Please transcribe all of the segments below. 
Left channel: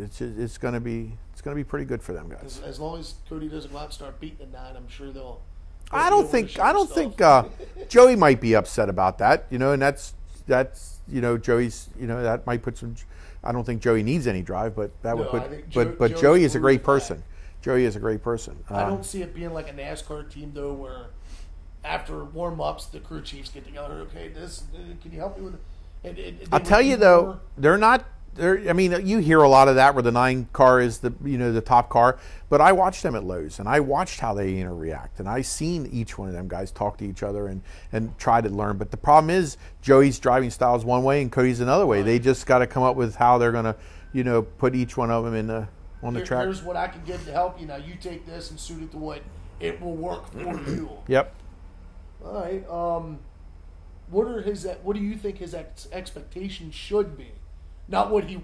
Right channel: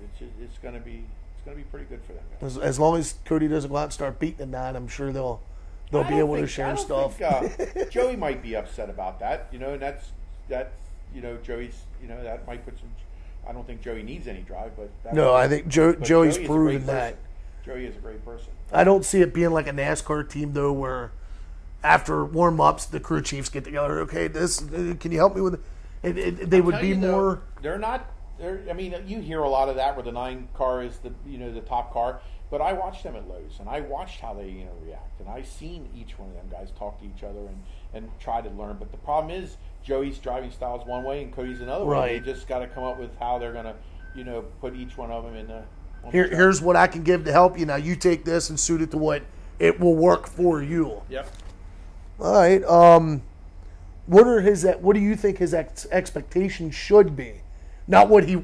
it's going to be pretty good for them guys. As long as Cody doesn't go out and start beating the 9, I'm sure they'll I don't think Joey might be upset about that, and that's Joey's, that might put some. I don't think Joey needs any drive, but I think Joey is a great person. Joey is a great person. I don't see it being like a NASCAR team though, where after warm-ups the crew chiefs get together. Okay, can you help me with it? I'll tell you though, they're not. I mean, you hear a lot of that where the 9 car is the top car. But I watched them at Lowe's, and I watched how they interact, and I seen each one of them guys talk to each other and try to learn. But the problem is Joey's driving style is one way and Cody's another way. They just got to come up with how they're going to put each one of them in on the track. Here's what I can give to help you. Now you take this and suit it to what it will work for you. Yep. All right. What do you think his expectations should be? Not what he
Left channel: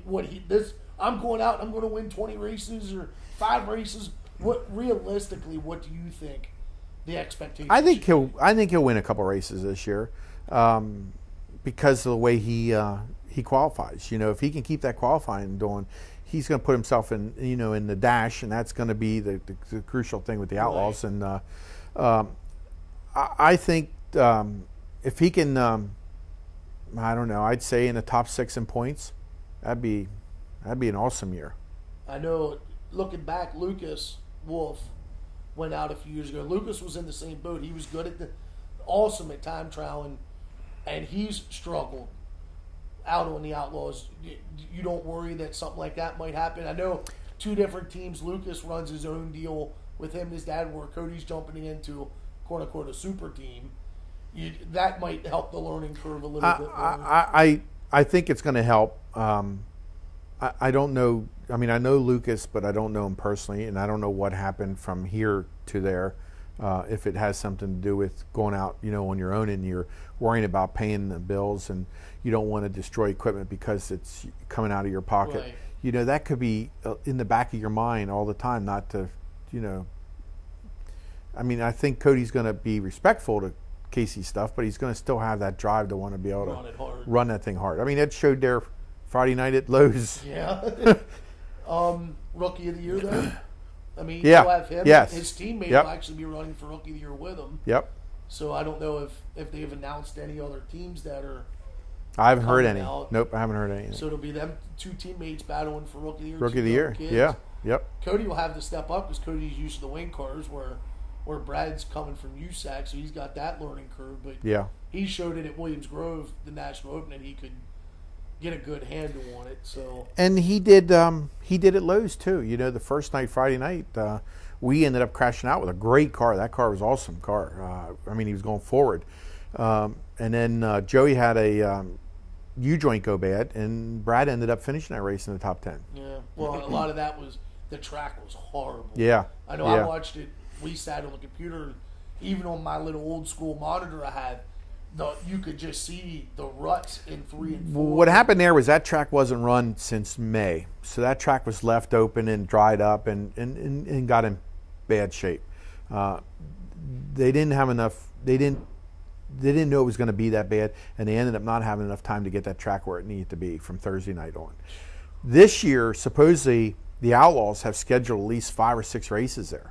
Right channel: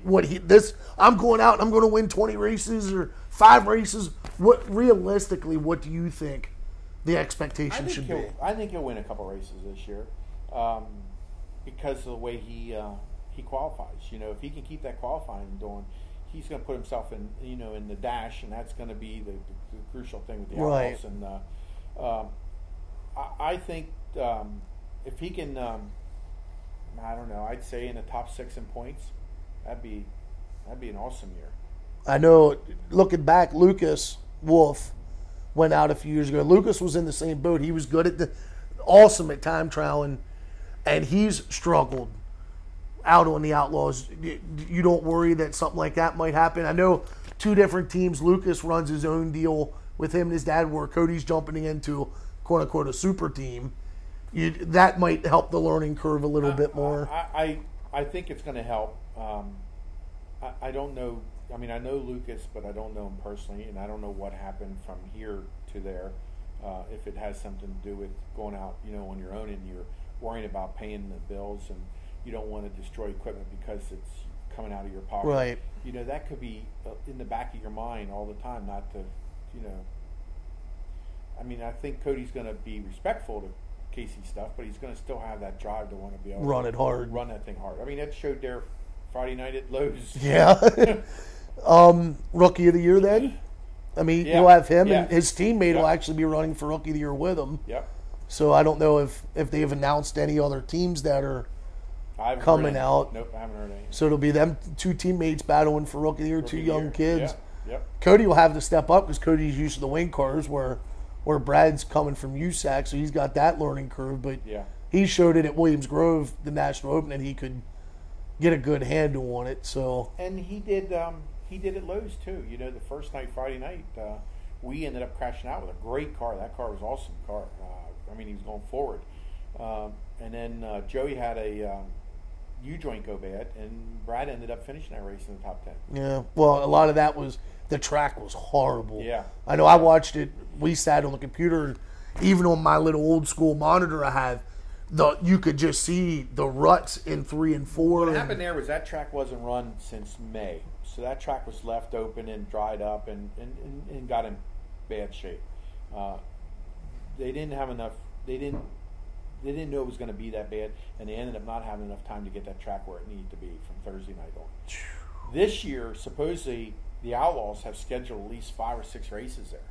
I'm going out and I'm going to win 20 races or 5 races. What do you think the expectation should be? I think he'll win a couple races this year, because of the way he qualifies. If he can keep that qualifying going, he's going to put himself in the dash, and that's going to be the crucial thing with the Outlaws. Right. And I think if he can, I don't know, I'd say in the top 6 in points. That'd be an awesome year. I know, looking back, Lucas Wolf went out a few years ago. Lucas was in the same boat. He was good awesome at time trialing, and he's struggled out on the Outlaws. You don't worry that something like that might happen? I know 2 different teams. Lucas runs his own deal with him and his dad, where Cody's jumping into, quote-unquote, a super team. That might help the learning curve a little bit more. I think it's going to help. I don't know. I mean, I know Lucas, but I don't know him personally, and I don't know what happened from here to there. If it has something to do with going out, on your own, and you're worrying about paying the bills, and you don't want to destroy equipment because it's coming out of your pocket. Right. That could be in the back of your mind all the time, not to, I mean, I think Cody's going to be respectful to Kasey's stuff, but he's going to still have that drive to want to be able to run that thing hard. I mean, it showed there Friday night at Lowe's. Yeah. Rookie of the year then? I mean, you'll have him. Yes. His teammate will actually be running for Rookie of the Year with him. Yep. So I don't know if they've announced any other teams that are I haven't heard any. Out. Nope, I haven't heard any. So it'll be them 2 teammates battling for Rookie of the Year, Rookie 2 of the young year. kids. Yeah. Yep. Cody will have to step up because Cody's used to the wing cars where Brad's coming from USAC, so he's got that learning curve. But he showed it at Williams Grove, the National Open, and he could get a good handle on it. So and he did at Lowe's too. The first night, Friday night, we ended up crashing out with a great car. That car was an awesome car. I mean, he was going forward, and then Joey had a U-joint go bad, and Brad ended up finishing that race in the top 10. Yeah, well, a lot of that was the track was horrible. Yeah, I know. I watched it. We sat on the computer, and even on my little old school monitor I have, you could just see the ruts in 3 and 4. What happened there was that track wasn't run since May, so that track was left open and dried up and got in bad shape. They didn't have enough. They didn't know it was going to be that bad, and they ended up not having enough time to get that track where it needed to be from Thursday night on. This year, supposedly, the Outlaws have scheduled at least 5 or 6 races there.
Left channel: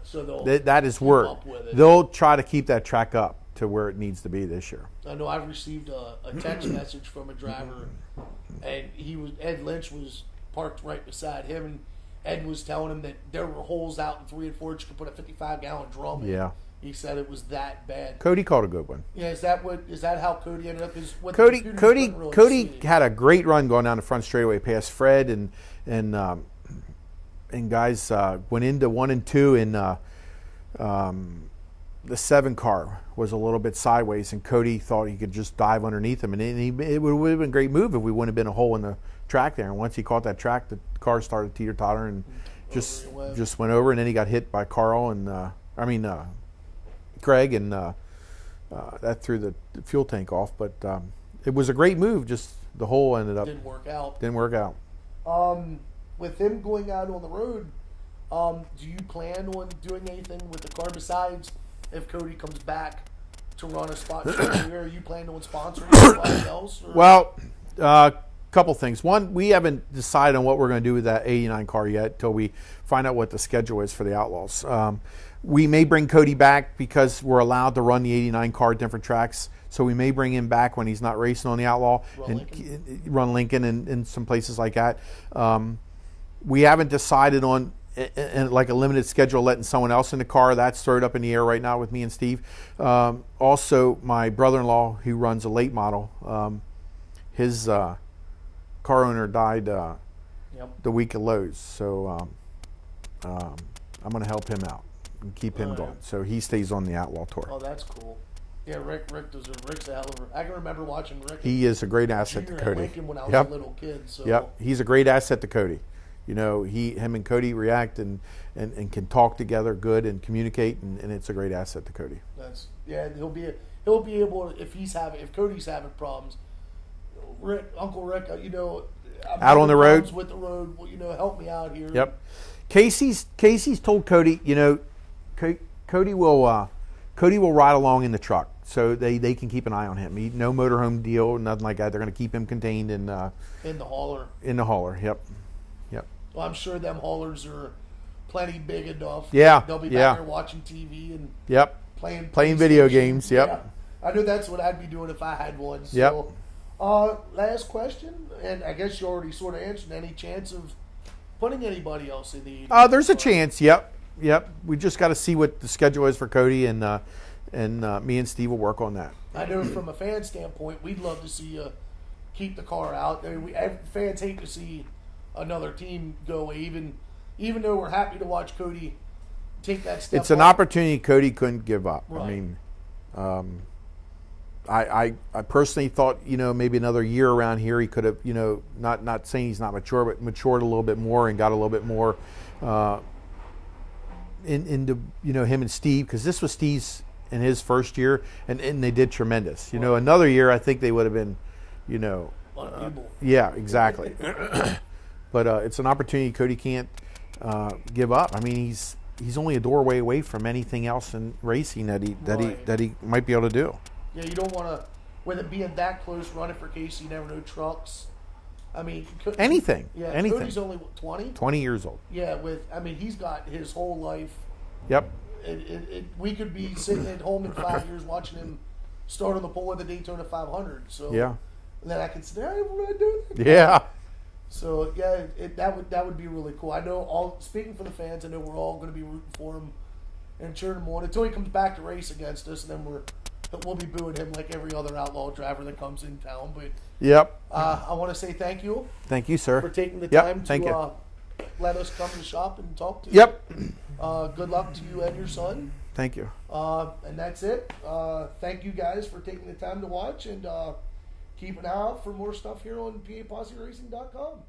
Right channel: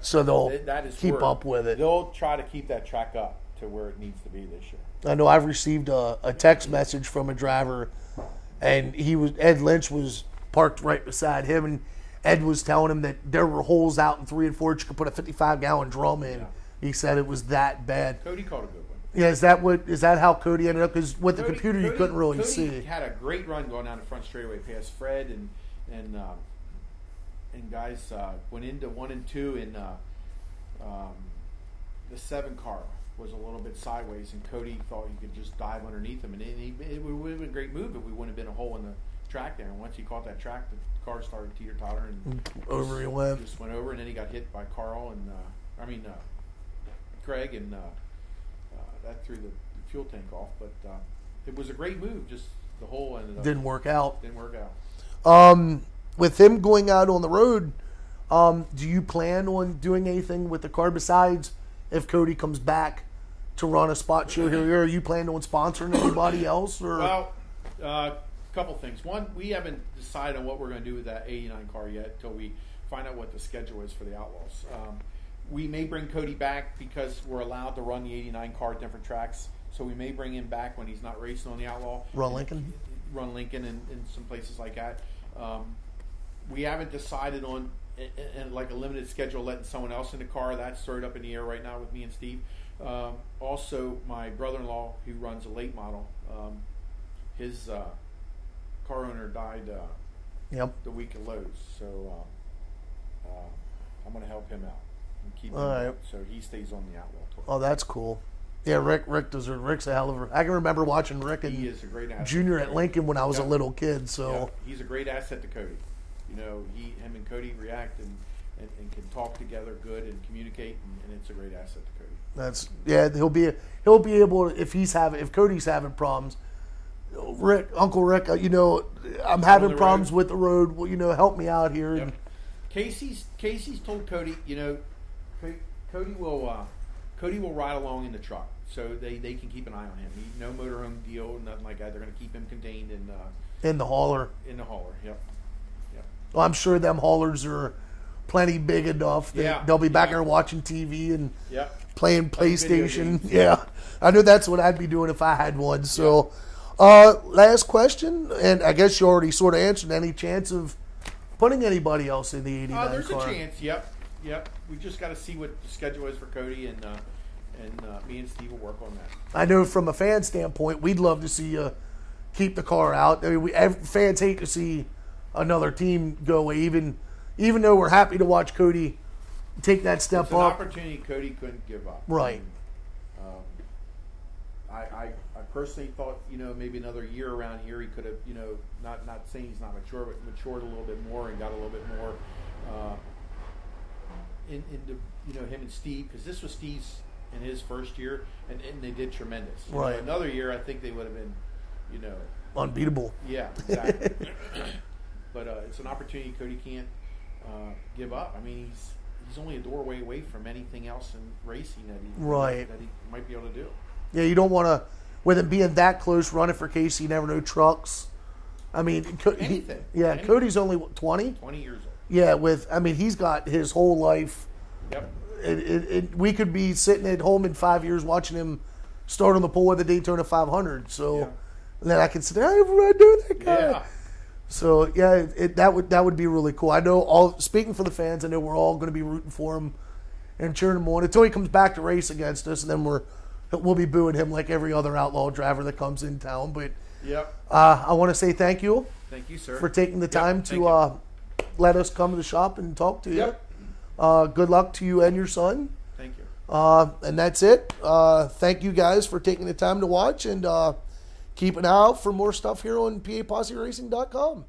So they'll keep up with it. They'll try to keep that track up to where it needs to be this year. I know I've received a text message from a driver, and Ed Lynch was parked right beside him, and Ed was telling him that there were holes out in 3 and 4 that you could put a 55-gallon drum in. Yeah. He said it was that bad. Cody called a good one. Yeah, is that how Cody ended up? Because with Cody, the computer, you couldn't really Cody see. had a great run going down the front straightaway past Fred, and guys went into 1 and 2, and the 7 car was a little bit sideways, and Cody thought he could just dive underneath him, and it would have been a great move if we wouldn't have been a hole in the track there. And once he caught that track, the car started teeter-totter and just went over, and then he got hit by Carl and Craig, and that threw the fuel tank off. But it was a great move. Just the hole ended up didn't work out. With him going out on the road, do you plan on doing anything with the car besides if Cody comes back to run a spot show there? Are you planning on sponsoring somebody else? Or? Well, couple things. One, we haven't decided on what we're going to do with that 89 car yet until we find out what the schedule is for the Outlaws. We may bring Cody back because we're allowed to run the 89 car at different tracks. So we may bring him back when he's not racing on the Outlaw. Run Lincoln and some places like that. We haven't decided on like a limited schedule letting someone else in the car. That's thrown up in the air right now with me and Steve. Also, my brother-in-law, who runs a late model, his car owner died the week of Lowe's. So I'm going to help him out and keep him going. So he stays on the Outlaw Tour. Oh, that's cool. Yeah, Rick's a hell of a. I can remember watching Rick. He is a great asset. Junior at Lincoln when I was a little kid. So he's a great asset to Cody. You know, him and Cody react and can talk together good and communicate, and it's a great asset to Cody. He'll be able if Cody's having problems. Uncle Rick, you know, I'm having problems with the road. Well, you know, help me out here. Yep. Kasey's told Cody, you know, Cody will ride along in the truck. So they can keep an eye on him. No motorhome deal, nothing like that. They're going to keep him contained in the hauler. In the hauler, yep. Well, I'm sure them haulers are plenty big enough. Yeah, they'll be back there watching TV and playing video games. Yeah, I know that's what I'd be doing if I had one. So, last question, and I guess you already sort of answered. Any chance of putting anybody else in the 89 there's car? A chance. Yep. We just got to see what the schedule is for Cody, and me and Steve will work on that. I know from a fan standpoint, we'd love to see you keep the car out. I mean, fans hate to see another team go away, even though we're happy to watch Cody take that step. It's an opportunity Cody couldn't give up. Right. I mean, I personally thought, you know, maybe another year around here he could have, you know, not saying he's not mature, but matured a little bit more and got a little bit more into, you know, him and Steve, because this was Steve's in his first year, and they did tremendous. You know, another year I think they would have been, you know, unbeatable. Yeah, exactly. But it's an opportunity Cody can't give up. I mean, he's only a doorway away from anything else in racing that he might be able to do. Yeah, you don't want to, with it being that close, running for Kasey. You never know, trucks. I mean, anything. Yeah, anything. Cody's only 20. 20 years old. Yeah, he's got his whole life. Yep. We could be sitting at home in 5 years watching him start on the pole with the Daytona 500. So then I can say, I do that. Yeah. So yeah, that would be really cool. I know speaking for the fans, I know we're all going to be rooting for him and cheering him on until he comes back to race against us, and then we'll be booing him like every other Outlaw driver that comes in town. But I want to say thank you. Thank you, sir, for taking the time to let us come to the shop and talk to you. Good luck to you and your son. Thank you. And that's it. Thank you guys for taking the time to watch, and keep an eye out for more stuff here on PAPosseRacing.com.